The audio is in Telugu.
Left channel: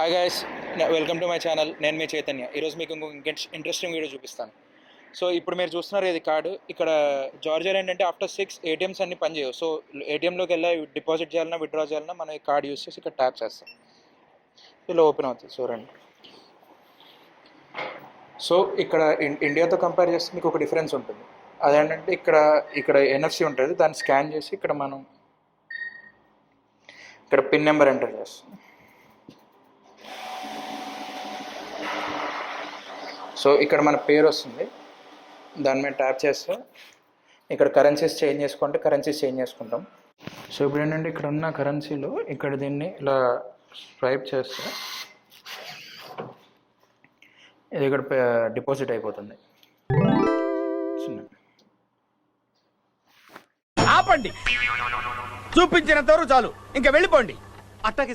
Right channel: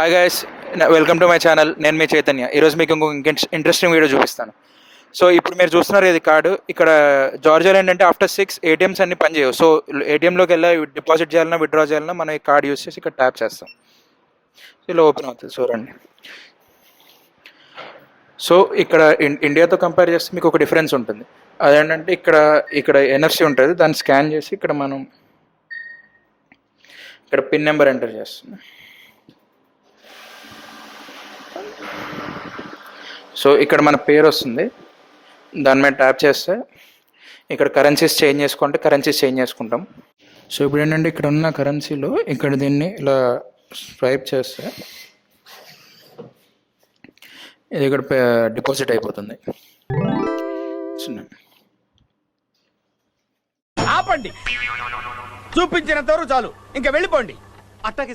Hi guys welcome to my channel నేను మీ చైతన్య. ఈరోజు మీకు ఇంకొక ఇంట్రెస్టింగ్ వీడియో చూపిస్తాను. సో ఇప్పుడు మీరు చూస్తున్నారు ఇది కార్డు ఇక్కడ జార్జియాలో ఏంటంటే ఆఫ్టర్ సిక్స్ ఏటీఎమ్స్ అన్ని పనిచేయవు సో ఏటీఎంలోకి వెళ్ళి డిపాజిట్ చేయాలన్నా విత్డ్రా చేయాలన్నా మనం ఈ కార్డు యూస్ చేసి ఇక్కడ ట్యాప్ చేస్తాం. ఇలా ఓపెన్ అవుతుంది. చూడండి సో ఇక్కడ ఇన్- ఇండియాతో కంపేర్ చేస్తే మీకు ఒక డిఫరెన్స్ ఉంటుంది. అదేంటంటే ఇక్కడ ఇక్కడ ఎన్ఎఫ్సి ఉంటుంది. దాన్ని స్కాన్ చేసి ఇక్కడ మనం ఇక్కడ పిన్ నెంబర్ ఎంటర్ చేస్తున్నాం. సో ఇక్కడ మన పేరు వస్తుంది. దాని మీద ట్యాప్ చేస్తే ఇక్కడ కరెన్సీస్ చేంజ్ చేసుకుంటే కరెన్సీస్ చేంజ్ చేసుకుంటాం. సో ఇప్పుడు ఏంటంటే ఇక్కడ ఉన్న కరెన్సీలో ఇక్కడ దీన్ని ఇలా స్వైప్ చేస్తే ఇది ఇక్కడ డిపాజిట్ అయిపోతుంది. ఆపండి. చూపించిన వరకు చాలు. ఇంకా వెళ్ళిపోండి. అట్టాగే